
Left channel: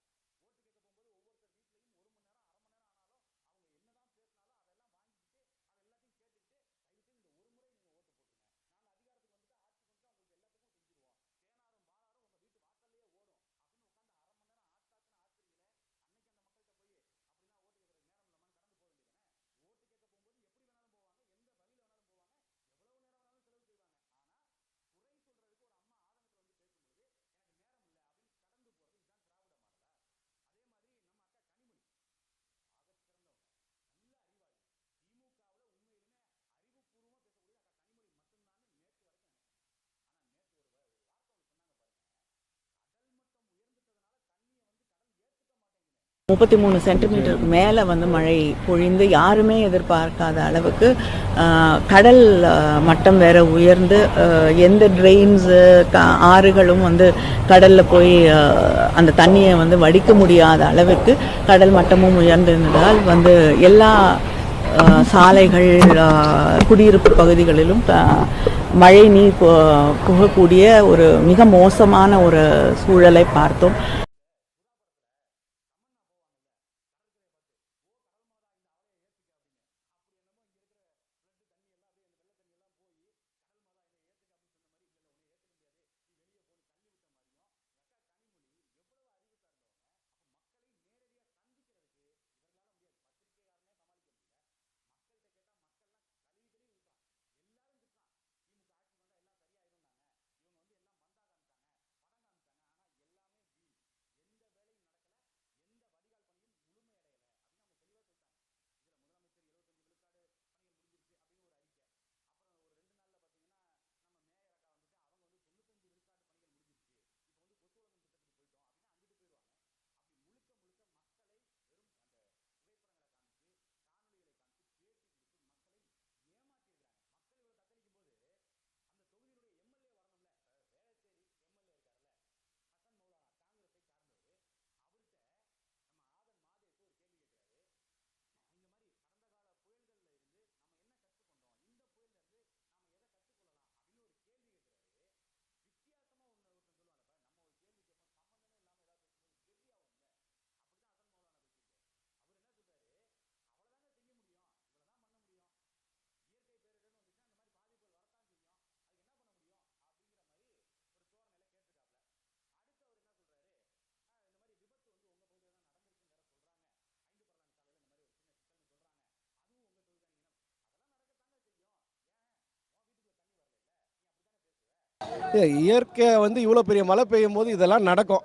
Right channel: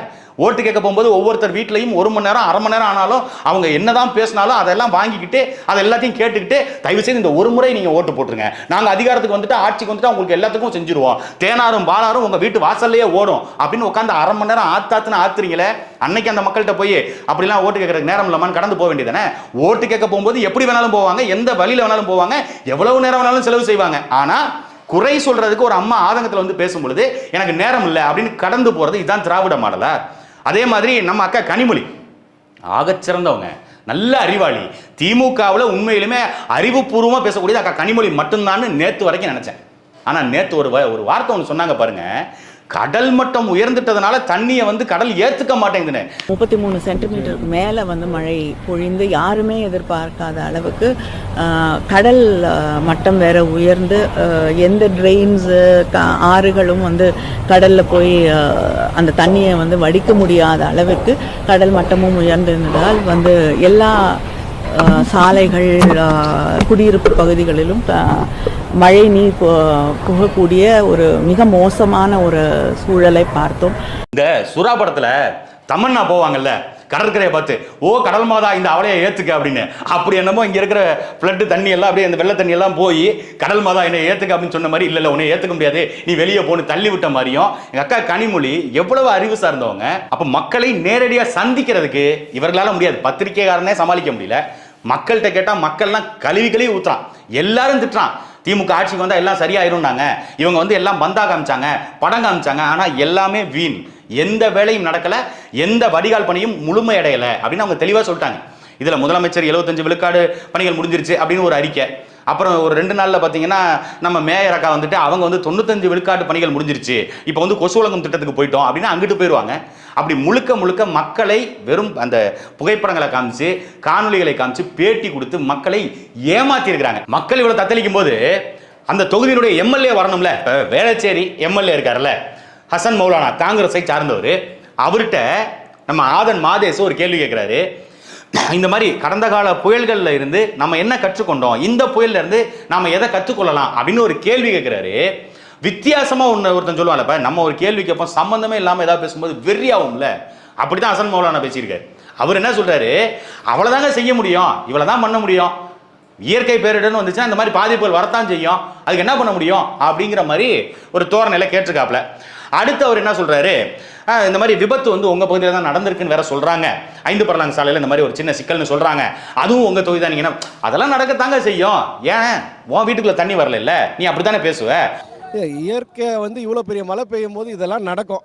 ஓட்டு கேட்க போகும்போது ஒவ்வொருத்தர் வீட்லையும் ஒரு மணி நேரம் அரை மணி நேரம் ஆனாலும் அவங்க என்னதான் பேசினாலும் அதெல்லாம் வாங்கிக்கிட்டு அதை எல்லாத்தையும் கேட்டுக்கிட்டு தயவு செய்து இந்த ஒரு முறை நீங்க ஓட்டு போட்டுருங்க. நாங்க அதிகாரத்துக்கு வந்துட்டு ஆட்சிக்கு வந்துட்டு உங்களுக்கு எல்லாத்துக்கும் செஞ்சிருவோம். தேனாரும் பாலாரும் உங்க வீட்டு வாசல்லையே ஓடும் அப்படின்னு உட்காந்து அரை மணி நேரம் ஆத்தாத்துன்னு ஆத்துறீங்களே? அன்னைக்கு அந்த மக்கள்கிட்ட போய் அப்படிலாம் ஓட்டு கேட்கறதுக்கு நேரம் இல்லாமல் கடந்து போக வேண்டியதானே ஓட்டு கேட்க போகும்போது எப்படி வேணாலும் போவாங்க? எந்த வழியில வேணாலும் போவாங்க? எவ்வளவு நேரம் வேணாலும் செலவு செய்வாங்க? ஆனா குறை சொல்றதுக்கு ஒரு அம்மா ஆதங்கத்தில் வந்து பேசும்பொழுது எனக்கு நேரம் இல்லை அப்படின்னு கடந்து போகிறது இதுதான் திராவிட மாடலா? அதே மாதிரி நம்ம அக்கா கனிமொழி. ஆகச்சிறந்தவங்க நல்ல அறிவாளி. திமுகவில் உண்மையிலுமே அறிவுபூர்வமாக பேசக்கூடியது அக்கா கனிமொழி மட்டும்தான்னு நேற்று வரைக்கும் நினச்சேன். ஆனால் நேற்று ஒரு வ- ஒரு வார்த்தை ஒன்று சொன்னாங்க பாருங்கள் கடல் மட்டம் உயர்ந்துட்டதுனால தண்ணியை வந்து கடல் ஏத்துக்க மாட்டேங்குதுன்னு முப்பத்தி மூணு சென்டிமீட்டருக்கு மேலே வந்து மழை பொழிந்து யாருமே எதிர்பார்க்காத அளவுக்கு கடல் மட்டம் வேற உயர்ந்து எந்த ட்ரெயின்ஸு ஆறுகளும் வந்து கடலில் போய் அந்த தண்ணியை வந்து வடிக்க முடியாத அளவுக்கு கடல் மட்டமும் உயர்ந்திருந்ததால் வந்து எல்லா சாலைகள் குடியிருப்பு பகுதிகளிலும் மழை நீர் புகக்கூடிய ஒரு மிக மோசமான ஒரு சூழலை பார்த்தோம். இந்த சுறா படத்துல தமன்னா போவாங்கல்ல கடற்கரையை பார்த்து ஓ கடல் மாதா இந்த அவளையை ஏத்துக்க அப்படின்னு. அப்படி என்னமோ இங்க இருக்கிற ஃப்ளட்டு தண்ணி எல்லாம் அப்படியே அந்த வெள்ள தண்ணி எல்லாம் போய் கடல் மாதா என்னை ஏத்துக்க அப்படின்னு சொன்ன மாதிரி இல்ல இல்ல உன்னை ஏத்துக்க முடியாது. நீ வெளியே போன்னு தள்ளி விட்ட மாதிரியும் எங்க அக்கா கனிமொழி எவ்வளவு அறிவு சார்ந்தவங்க அப்ப மக்களை நேரடியா சந்திக்கிறதுக்கு இவர்களால முடியாது. பத்திரிக்கைக்காரனே சமாளிக்க முடியல. மக்கள்கிட்ட கேட்டால் மக்கள்லாம் கழுவி கழுவி ஊற்றுறான் எல்லாரும் திட்டுறான். திமுக ஆட்சிக்கு வந்தால் எல்லாம் சரியாயிருந்தாங்க இவங்க வந்து எல்லாம் பந்தா காமிச்சாங்க படம் காமிச்சாங்க. ஆனால் எல்லாமே வீண். எந்த வேலையும் நடக்கலை எந்த வடிகால் பணியும் முழுமையடையலை அப்படின்னு அவங்க தெளிவாக சொல்லிட்டாங்க. இதில் முதலமைச்சர் 75 விழுக்காடு பணிகள் முடிஞ்சிருச்சு அப்படின்னு ஒரு அறிக்கை. அப்புறம் ஒரு ரெண்டு நாளில் பார்த்தீங்கன்னா நம்ம மேயர் அக்கா வந்துட்டு அவங்க வந்து தொண்ணூத்தஞ்சு விழுக்காட்டு பணிகள் முடிஞ்சிருச்சு. இப்போ வந்து கொசு உலகம் திட்டத்துக்கு போயிட்டோம் அப்படின்னா அங்கிட்டு போயிடுவாங்க அப்படி முழுக்க முழுக்க மக்களை வெறும் அந்த புகைப்படங்களை காமிச்சு காணொலிகளை காமிச்சு பேட்டி கொடுத்து மக்களை ஏமாத்திருக்கிறாங்க. மக்கள் இவ்வளோ தத்தளிக்கும் போது அந்த தொகுதியினுடைய எம்எல்ஏ வரணும்ல? இப்போ வேளச்சேரி எம்எல்ஏ இருக்காருல்ல ஹசன் மௌலானா காங்கிரஸை சார்ந்தவர். அவர்கிட்ட நம்ம ஆதன் மாதேஸ் ஒரு கேள்வி கேட்குறாரு இந்த மாதிரி கடந்த கால புயல்களில் இருந்து நம்ம என்ன கற்றுக்கொண்டோம்? இந்த புயல்ல இருந்து நம்ம எதை கற்றுக்கொள்ளலாம்? அப்படின்னு ஒரு கேள்வி கேட்குறாரு வித்தியாசமாக ஒன்று ஒருத்தன் சொல்லுவாள் இப்போ நம்ம ஒரு கேள்வி கேட்போம் சம்மந்தமே இல்லாமல் ஏதாவது பேசும்போது வெறியாகும்ல அப்படிதான் அசன் மௌலானா பேசியிருக்காரு. அவர் என்ன சொல்கிறாரு அவ்வளோதாங்க செய்ய முடியும் இவ்வளவுதான் பண்ண முடியும். இயற்கை பேரிடர்னு வந்துச்சுன்னா இந்த மாதிரி பாதிப்புகள் வரத்தான் செய்யும். அதுக்கு என்ன பண்ண முடியும்? அப்படிங்கிற மாதிரி ஒரு தோரணையில் கேட்டிருக்காப்புல. அடுத்து அவர் என்ன சொல்கிறாரு இந்த மாதிரி விபத்து வந்து உங்கள் பகுதியில் தான் நடந்திருக்குன்னு வேற சொல்கிறாங்க ஐந்து பரலாங்க சாலையில் இந்த மாதிரி ஒரு சின்ன சிக்கல்னு சொல்கிறாங்க அதுவும் உங்கள் தொகுதி தான். நீங்க அதெல்லாம் நடக்கத்தாங்க செய்யும். ஏன்? உன் வீட்டுக்குள்ளே தண்ணி வரல இல்லை? நீ அப்படித்தானே பேசுவ? இயற்கை வந்து இவ்வளோ பெரிய மழை பெய்யும் போது இதெல்லாம் நடக்கும்.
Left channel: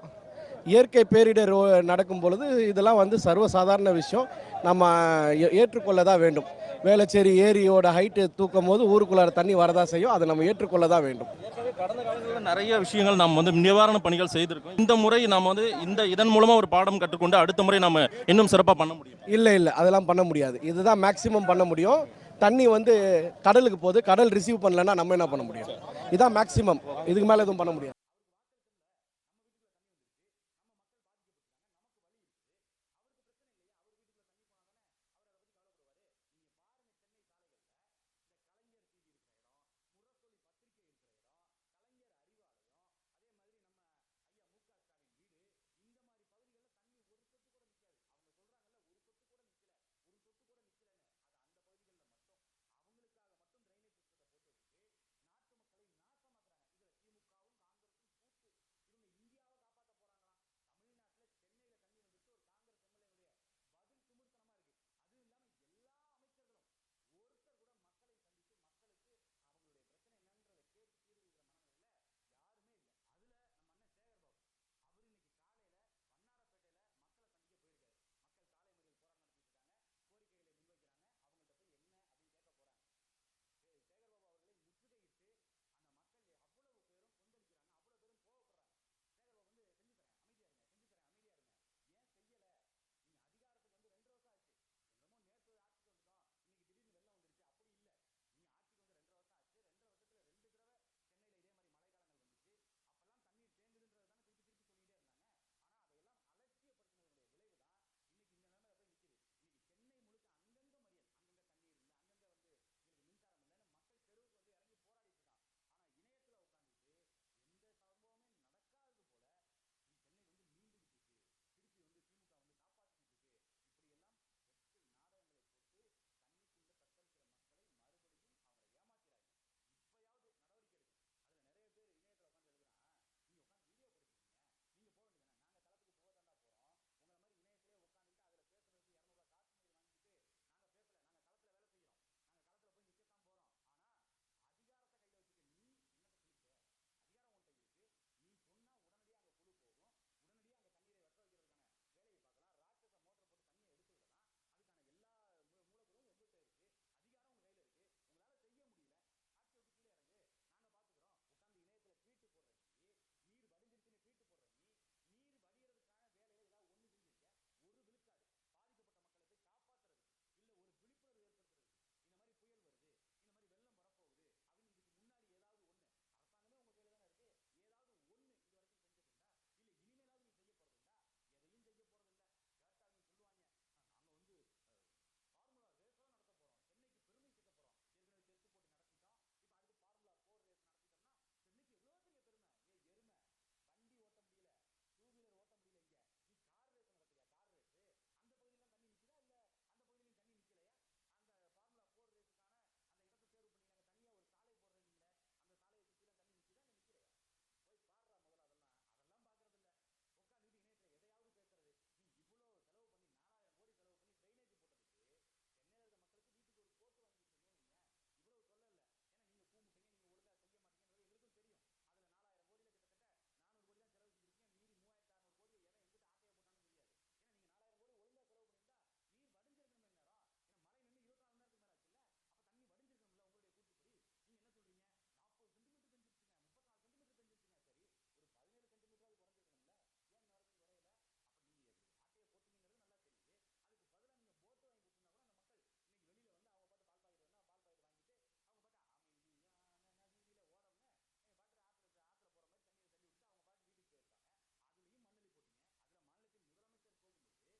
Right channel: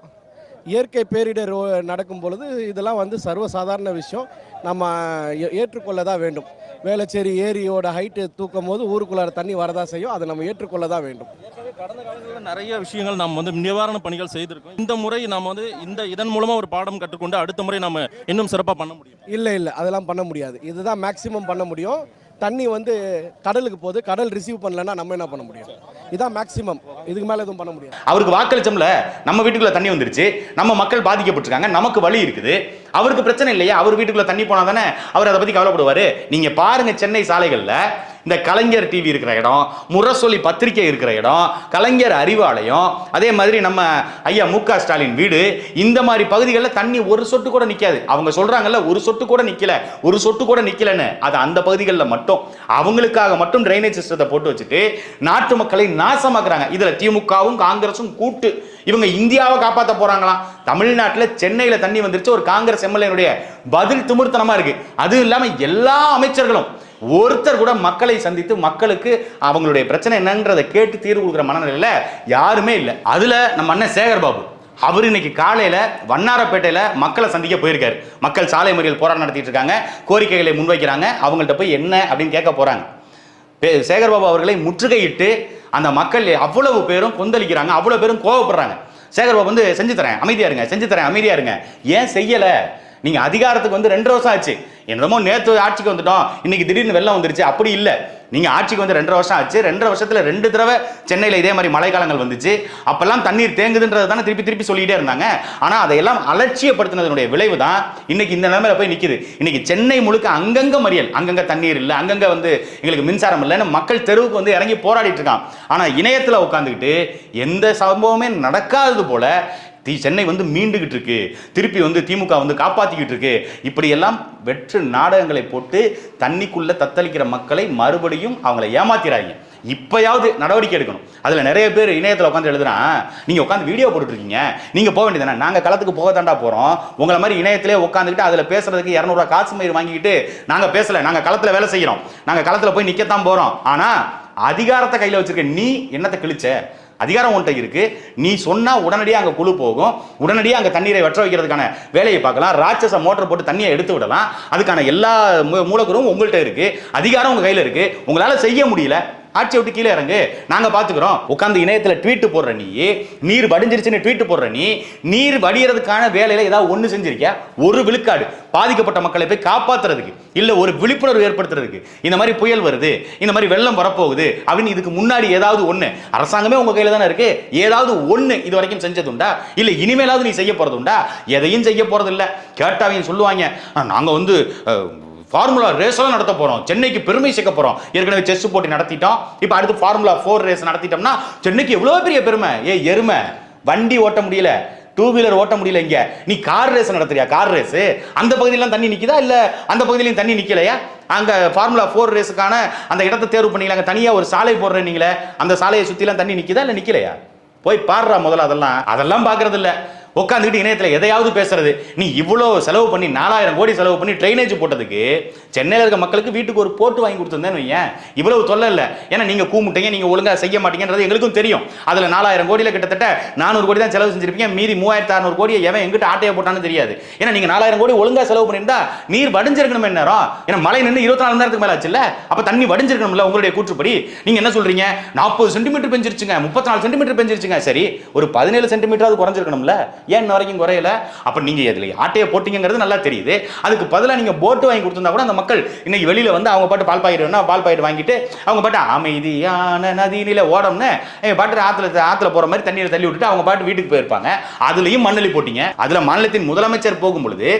இயற்கை பேரிடர் நடக்கும் பொழுது இதெல்லாம் வந்து சர்வசாதாரண விஷயம். நம்ம ஏ- ஏற்றுக்கொள்ள தான் வேண்டும். வேளச்சேரி ஏரியோட ஹைட்டு தூக்கும் போது ஊருக்குள்ளார தண்ணி வரதான் செய்யும். அதை நம்ம ஏற்றுக்கொள்ள தான் வேண்டும் கடந்த காலங்களில் நிறைய விஷயங்கள் நாம் வந்து நிவாரண பணிகள் செய்திருக்கோம். இந்த முறை நாம் வந்து இந்த இதன் மூலமா ஒரு பாடம் கற்றுக்கொண்டு அடுத்த முறை நம்ம இன்னும் சிறப்பாக பண்ண முடியும். இல்லை இல்லை. அதெல்லாம் பண்ண முடியாது. இதுதான் மேக்ஸிமம் பண்ண முடியும். தண்ணி வந்து கடலுக்கு போகுது. கடல் ரிசீவ் பண்ணலன்னா நம்ம என்ன பண்ண முடியும்? இதான் மேக்ஸிமம் இதுக்கு மேலே எதுவும் பண்ண முடியாது. அவருக்கு வாக்களிச்சோம்ல நம்ம வீட்டுக்குள்ள தண்ணி வந்துருச்சு. நம்ம மக்கள் பாதிக்கப்பட்டிருக்காங்க. நமக்கு வழி இருக்குது. அவருக்கு பிரச்சனை இல்லையா. அவர் வீட்டுக்குள்ள தண்ணி போனா தானே அவர் அதை பத்தி கவலைப்படுவாரு. நீங்க பாருங்க சென்னை சாலைகள்ல இந்த கலைஞர் டிவி இருக்கிற இடம் முரசொலி பத்திரிகை இருக்கிற இடம் கலைஞர் அறிவாலயம் அதே மாதிரி நம்ம ஐயா மு க ஸ்டாலின் வீடு இந்த மாதிரி பகுதிகளில் தண்ணி ஒரு சொட்டு கூட நிற்காது அவங்க சொல்கிறாங்கல்ல ஒரு சொட்டு கூட நிற்கல ஒரு சொட்டு கூட நிற்கலன்னு அது அந்த பகுதிகளில் மட்டும். அவங்களுக்காக மட்டும் ட்ரைனேஜ் சிஸ்டத்தை போட்டு வச்சுட்டு நாட்டு மக்களை நாசமாக்குறாங்க. இதில் திமுகவும் காங்கிரஸும் கூட்டு. இவங்க இந்தியாவை காப்பாற்ற போகிறாங்களாம் தமிழ்நாட்டில் சென்னையில் தண்ணி வந்துருச்சு. ஒரு காங்கிரஸ் எம்எல்ஏனுடைய பதில் திமிர்த்தனமாக இருக்குது அதுவும் இல்லாமல் எல்லா அமைச்சர்களும் ஒருத்தர் கூட மக்களை சந்தித்து மக்களுக்கு அவங்களுடைய பிரச்சனை என்னன்றதை கேட்டு தீர்வு கொடுக்குற மனநிலையில் யாருமே இல்லை. அதில் நம்ம அண்ணன் சேகர் பாபு. அவர் இன்னைக்கு காலையில் வண்ணாரப்பேட்டையில் மக்களை சந்திக்க போயிருக்காரு. மக்கள் சாலை மறியல் போராட்டம் நடத்திட்டு இருக்காங்க. கோரிக்கைகளை முன்வைக்கிறாங்க. அவங்கள்ட்ட போய் என்ன அப்படின்னு கேட்க போகிறாங்க பே- சேகர்பாபு அவர்களை முற்றுகையிட்டு அந்த மக்கள் அவ்வளவு பேரும் கொந்தளிக்கிறாங்க. அவ்வளோ பேரும் கோவப்படுறாங்க. சேகர்பாபு வந்து செஞ்சு தரேன். அமைதியாருங்க செஞ்சு தரேன். அமைதியாருங்க ஏன் செய்யலை? நீங்கள் அதிகாரத்துக்கு வந்து ரெண்டு வருஷம் ஆச்சு. என்னமோ நேற்று ஆட்சிக்கு வந்துட்டோம். இன்னைக்கு திடீர்னு வெள்ளம் வந்துருச்சு. அப்படி இல்லை. நீங்கள் ஆட்சிக்கு வந்து ரெண்டரை வருஷம் ஆச்சு. ரெண்டரை வருஷத்தில் ரெண்டு தடவை சென்னையில் இதே மாதிரி மழைக்காலங்கள் வந்துச்சு. அப்போல்லாம் தண்ணீர் தேங்குதுன்றது தானே திருப்பி திருப்பி சொல்லிட்டே இருந்தாங்க. ஆனால் அதையெல்லாம் அலட்சியப்படுத்தினதனுடைய விளைவு தான் இன்னைக்கு இந்த நிலைமையில போய் நிற்கிது இன்னைக்கு சென்னை முழுக்க அங்கங்கே மறியல். அங்கங்கே தண்ணீர் இல்லை. அங்கங்கே வந்து எங்களுக்கு மின்சாரம் இல்லைன்னு மக்கள் தெருவுக்கு வந்து இறங்கி போராடிட்டு இருக்கான். ஆனால் இணையத்தில் உட்காந்துக்கிட்டு எந்த சம்பவமே நடக்காதது போல தி சென்னை வந்து மீண்டுகிட்டு இருக்கு திருப்பி வந்து திமுக வந்து காப்பாற்றிக்கிட்டு இருக்கு இப்படியெல்லாம் வெற்று நாடகங்களை போட்டு தண்ணிக்குள்ளே தத்தளிக்கிற மக்களை மறுபடியும் அவங்களை ஏமாத்திராங்க இப்பயாவது நடவடிக்கை எடுக்கணும். அதில் நிறைய பேர் இணையத்தில் உட்காந்து எழுதுனா நீங்கள் உட்காந்து வீடியோ போட்டுட்ருக்கீங்க நீங்கள் போக வேண்டியதானே நாங்கள் களத்துக்கு போக தாண்டா போகிறோம் உங்களை மாதிரி இணையத்திலே உட்காந்துக்கிட்டு அதில் பேசுறதுக்கு இரநூறுவா காசு மயிர் வாங்கிக்கிட்டு நாங்கள் பேசலை நாங்கள் களத்தில் வேலை செய்கிறோம் நாங்கள் களத்தில் போய் நிற்கத்தான் போகிறோம் ஆனால் அதிகாரத்தை கையில் வச்சுருக்க நீ என்னத்தை கிழிச்ச? அதிகாரம் உன்ட்ட இருக்கு. நீ சொன்னா உடனடியாக அங்கே குழு போகும். உடனடியாக அங்கே தண்ணீரை வற்ற வைக்கிறதுக்கான வேலையை பார்க்கலாம். ராட்சச மோட்டர் போட்டு தண்ணியை எடுத்து விடலாம். அதுக்கான எல்லா மூ- மூலக்கூறும் உங்கள்கிட்ட இருக்கு. அதிகாரம் உங்க கையில இருக்கு. உங்களால செய்ய முடியல. ஆட்சியை விட்டு கீழே இறங்கு. நாங்கள் பார்த்துக்கிறோம் உட்காந்து இணையத்தில் ட்வீட்டு போடுற நீ நீர் வடிஞ்சிருச்சுன்னு ட்வீட்டு போடுற நீ நீர் வடிகிறதுக்கான வேலையில் ஏதாவது ஒன்று செஞ்சிருக்கியா? ஒரு விழுக்காடு. பாதிக்கப்பட்ட மக்களை போய் காப்பாத்துறதுக்கு இல்லை ஒரு விழிப்புணர்வு ஏற்படுத்துறதுக்கு. இந்த மாதிரி புயல் வருது இந்த மாதிரி வெள்ளம் வரப்போகுது அப்படின்னு இதுக்கு முன்னாடி ஏதாவது ஒன்று அரசாங்கமே உங்கள் கையில் தானே இருக்குது ஏதாவது ஒன்று இது வரைக்கும் செஞ்சதுண்டா? இல்லை இனிமேலாவது நீ செய்ய போகிறதுண்டா எதையும் செய்ய போகிறதில்ல கேட்டாவையும் சொல்லுவாங்க. நாங்கள் வந்து ஃபார்முலா ரேஸெல்லாம் நடத்த போகிறோம் சென்னைக்கு பெருமை சேர்க்க போகிறோம் ஏற்கனவே செஸ் போட்டி நடத்திட்டோம். இப்போ அடுத்து ஃபார்முலா ஃபோர் ரேஸ் நடத்திட்டோம்னா சென்னைக்கு எவ்வளோ பெரிய பெருமை? ஏ எருமை. வண்டி ஓட்ட முடியல. டூ வீலர் ஓட்ட முடியல இங்கே. நீ கார் ரேஸ் நடத்துறியா? கார் ரேஸு அந்த பகுதியிலாம் தண்ணி நிற்கிதா இல்லை அந்த பகுதியிலையும் தண்ணி நிற்கலையா அங்கே ஃபார்முலா ஃபோர் ரேஸுக்கான அந்த இடத்தை தேர்வு பண்ணிக்கலாங்க தனியாக ஒரு சாலை போடுறேன் நீங்களே அந்த சாலையை சுற்றிலாம் தண்ணி நிற்கிதா இல்லை நிற்கலையா போய் பாடுறா முதல்ல அதெல்லாம். அதெல்லாம் பாக்குறது உட்காந்துக்கிட்டு இணையத்தில் எதையாவது பேசுறது. நீ இவ்வளோ செலவு பண்ணி நாலாயிரம் கோடி செலவு பண்ணி ட்ரைனேஜ் போட்டதுக்கு சென்னையில் இருக்க மக்களுக்கு வீட்டுக்கு ஒரு போட்டு வாங்கி கொடுத்துருந்தேன்னு வையேன். இவ்வளவு தொல்லை இல்லை. ஏன்னா நீங்கள் கூமுட்டீங்க நீங்கள் ஒழுங்காக செய்ய மாட்டீங்கன்றது எங்களுக்கும் தெரியும். அதில் நாலாயிரம் கோடியில் கிட்டத்தட்ட நானூறு கோடி தான் செலவு செஞ்சிருப்பீங்க. மீதி மூவாயிரத்து அறுநூறு கோடியை எவன் எங்கிட்ட ஆட்டையை போட்டான்னு தெரியாது. ஏன்னா நீங்கள் நாலாயிரம் கோடி ஒழுங்காக செலவு பண்ணியிருந்தா நீர் வடிஞ்சிருக்கணும் நேரம். ஏன்னா மழை நின்று இருபத்தி நாலு நேரத்துக்கு மேலே ஆச்சுல்ல? அப்போ தண்ணி வடிஞ்சிருக்கணும்ல உங்களுடைய கூற்றுப்படி. நீங்கள் என்ன சொல்றீங்க? நாற்பது சென்டிமீட்டர் பெஞ்சிருச்சுங்க முப்பத்தி நாலு சென்டிமீட்டர் பெஞ்சிருச்சுங்க. சரி ஒரு பதினேழு சென்டிமீட்டராவது குறைஞ்சிருக்கணும்ல. ஏன் இன்ன வரைக்கும் குறையல? அப்ப நீங்க இதுல ஆட்டையை போட்டீங்கிறது நல்லா தெரியுது. அதுக்கு பதிலாக நீங்க போட்டு வாங்கி கொடுத்திருந்தா கூட அந்த மக்கள் இன்னைக்கு வெளியில வந்து அவங்க பாட்டு பால் பாயிட்டு வேணா பால் பாயிட்டு வாங்கிட்டு அவங்க பாட்டு அமைதியான நதியில ஓடம்னு என் பாட்டு ஆத்துல ஆத்துல போற மாதிரி தண்ணியில் தள்ளி விட்டுட்டு அவங்க பாட்டு வீட்டுக்கு போயிருப்பாங்க. அதுலயும் மண்ணலி போட்டீங்க. அதுல மாநிலத்தின் முதலமைச்சர் போகும் பொழுது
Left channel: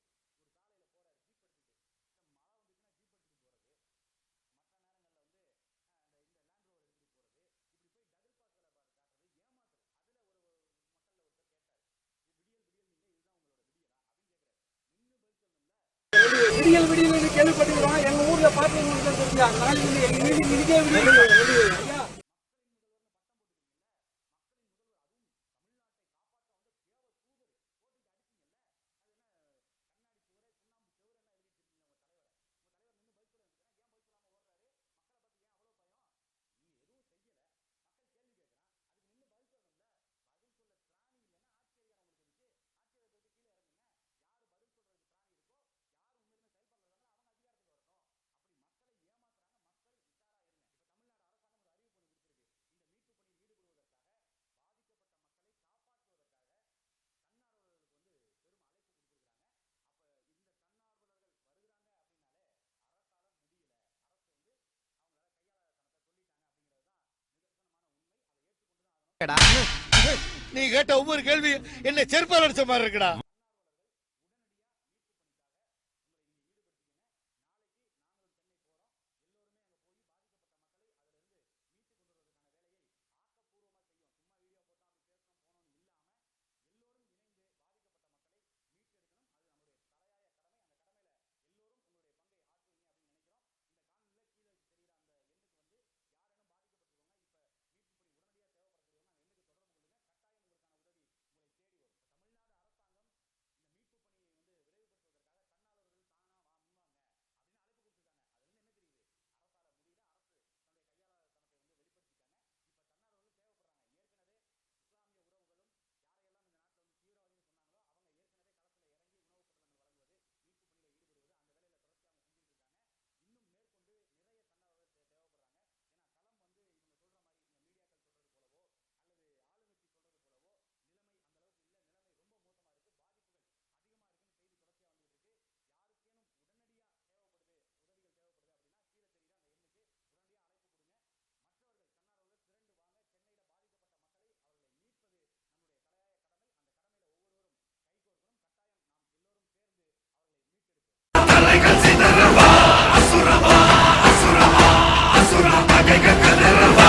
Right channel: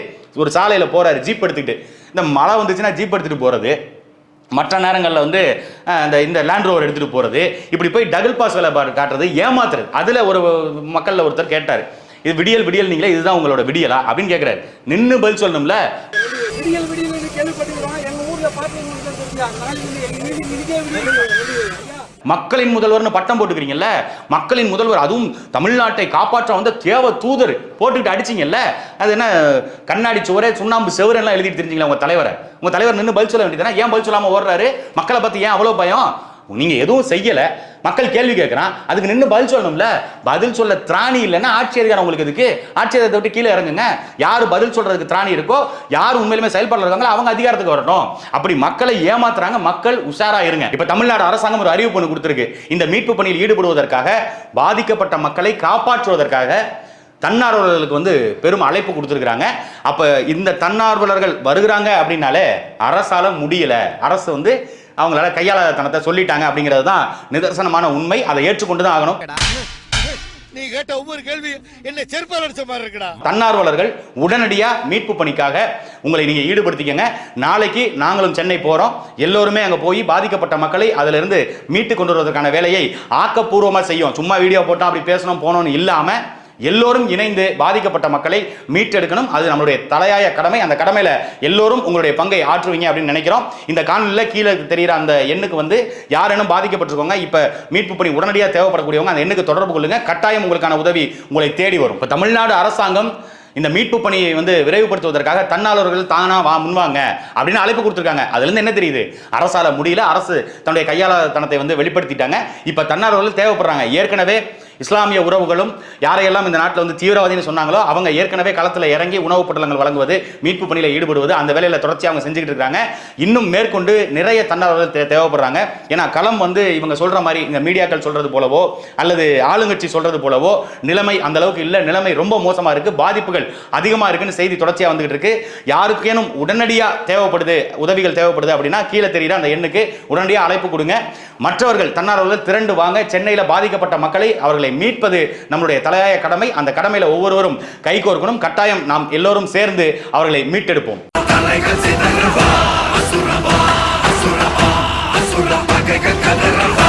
ஒரு சாலையில போறாரு ஜீப் எடுத்துக்கிட்டு. இந்த மழை வந்துச்சுன்னா ஜீப் எடுத்துட்டு போறது. மற்ற நேரங்களில் வந்து அந்த இந்த இந்த லேண்ட் ரோவர் எடுத்துகிட்டு போகிறது இப்படி போய் டபுள் பாஸ் வேலை பாரு காட்டுறது ஏமாத்துறது. அதில் ஒரு மக்களில் ஒருத்தர் கேட்டார். இது விடியல் விடியல் நீங்களே இதுதான் உங்களோட விடியலா? அப்படின்னு கேட்குறாரு நின்று பதில் சொல்லணும்ல? விடியல் விடியல் கேள்விப்பட்டிருக்கோம் எங்க ஊர்ல மக்களின் முதல்வர்னு பட்டம் போட்டுக்கிறீங்கல்ல? மக்களின் முதல்வர் அதுவும் தமிழ்நாட்டை காப்பாற்ற வந்த தேவ தூதர். போட்டுக்கிட்டு அடிச்சீங்கல்ல? அது என்ன கண்ணாடி சுவரே சுண்ணாம்பு செவரெல்லாம் எழுதிட்டு தெரிஞ்சீங்களா உங்க தலைவரை? உங்க தலைவர் நின்று பதில் சொல்ல வேண்டியதானே ஏன் பதில் சொல்லாம ஓடுறாரு? மக்களை பத்தி ஏன் அவ்வளவு பயம்? நீங்கள் எதுவும் செய்யலை. மக்கள் கேள்வி கேட்குறான் அதுக்கு நின்று பதில் சொல்லணும்ல. பதில் சொல்ல திராணி இல்லைன்னா ஆட்சி அதிகாரம் உங்களுக்கு இதுக்கு ஆட்சி அதிகாரத்தை விட்டு கீழே இறங்குங்க. யார் பதில் சொல்கிறதுக்கு திராணி இருக்கோ யார் உண்மையிலுமே செயல்பட இருக்காங்களோ அவங்க அதிகாரத்துக்கு வரட்டும். அப்படி மக்களை ஏமாத்துறாங்க. மக்கள் உஷாராக இருங்க. இப்போ தமிழ்நாடு அரசாங்கம் ஒரு அறிவிப்பு ஒன்று கொடுத்துருக்கு. இந்த மீட்பு பணியில் ஈடுபடுவதற்காக பாதிக்கப்பட்ட மக்களை காப்பாற்றுவதற்காக தன்னார்வலர்களுக்கு வந்து பெரும் அழைப்பு கொடுத்துருக்குறாங்க. அப்போ இந்த தன்னார்வலர்கள் வருகிறாங்க அப்படின்னாலே அரசால முடியலை. அரசு வந்து அவங்களால கையாள தனத்தை சொல்லிட்டாங்க அப்படிங்கிறது தான் நிதர்சனமான உண்மை. அதை ஏற்றுக்கொண்டு தான் ஆகணும் நீ கேட்ட ஒவ்வொரு கேள்வி என்ன செருப்பால் அடிச்ச மாதிரி இருக்குடா. தன்னார்வலர்கள் உடனடியா மீட்பு பணிக்காக உங்களை நீங்க ஈடுபடுத்திக்கங்க. நாளைக்கு நாங்களும் சென்னை போறோம். எல்லோருமே அங்க போய் பாதிக்கப்பட்ட மக்களை அதுல இருந்து மீட்டு கொண்டு வருவதற்கான வேலையை ஆக்கப்பூர்வமா செய்யும். சும்மா வீடியோ போட்டோம் அப்படி பேசணும் போனோம்னு இல்லாம எல்லோரும் இணைந்து பாதிக்கப்பட்ட மக்களை மீட்டெடுக்கணும். அது நம்மளுடைய தலையாய கடமை. அந்த கடமையில எல்லோரும் உங்களுடைய பங்கை ஆற்றுவீங்க அப்படின்னு நினைக்கிறோம். இந்த காணொலியில் கீழே தெரிகிற அந்த எண்ணுக்கு வந்து யாரேனும் பாதிக்கப்பட்டிருக்கோங்க இப்போ மீட்பு பணி உடனடியாக தேவைப்படக்கூடியவங்க அந்த எண்ணுக்கு தொடர்பு கொள்ளுங்க. கட்டாயம் உங்களுக்கான உதவி உங்களை தேடி வரும். இப்போ தமிழ்நாடு அரசாங்கம் இந்த மீட்பு பணியை வந்து விரைவுபடுத்துவதற்காக தன்னாளர்கள் தானா வா முன்வாங்க அப்படின்னு அழைப்பு கொடுத்துருக்காங்க. அதுலேருந்து என்ன தெரியுது? அரசால முடியல. அரசு தன்னுடைய கையாளத்தனத்தை வந்து வெளிப்படுத்திட்டாங்க. இப்போ தன்னார்வர்கள் தேவைப்படுறாங்க. ஏற்கனவே இஸ்லாமிய உறவுகளும் யாரையெல்லாம் இந்த நாட்டில் வந்து தீவிரவாதின்னு சொன்னாங்களோ அவங்க ஏற்கனவே களத்தில் இறங்கி உணவுப் பொட்டலங்கள் வழங்குவது மீட்பு பணியில் ஈடுபடுவது அந்த வேலையில் தொடர்ச்சியாக அவங்க செஞ்சுக்கிட்டு இருக்காங்க. இன்னும் மேற்கொண்டு நிறைய தன்னார்வலர்கள் தே- தேவைப்படுறாங்க. ஏன்னா களம் வந்து இவங்க சொல்கிற மாதிரி இந்த மீடியாக்கள் சொல்கிறது போலவோ அல்லது ஆளுங்கட்சி சொல்கிறது போலவோ நிலைமை அந்த அளவுக்கு இல்லை. நிலைமை ரொம்ப மோசமாக இருக்குது பாதிப்புகள் அதிகமாக இருக்குன்னு செய்தி தொடர்ச்சியாக வந்துகிட்டு இருக்கு. யாருக்கேனும் உடனடியாக தேவைப்படுது உதவிகள் தேவைப்படுது அப்படின்னா கீழே தெரியுற அந்த எண்ணுக்கு உடனடியாக அழைப்பு கொடுங்க. மற்றவர்கள் தன்னார்வலர்கள் திரண்டு வாங்க. சென்னையில் பாதிக்கப்பட்ட மக்களை அவர்களை மீட்பது நம்மளுடைய தலையாய கடமை. அந்த கடமையில ஒவ்வொருவரும் கைகோர்க்கணும் கட்டாயம் நாம் எல்லோரும் சேர்ந்து அவர்களை மீட்டெடுப்போம். தலைகள் சிதறவா அசுரவா?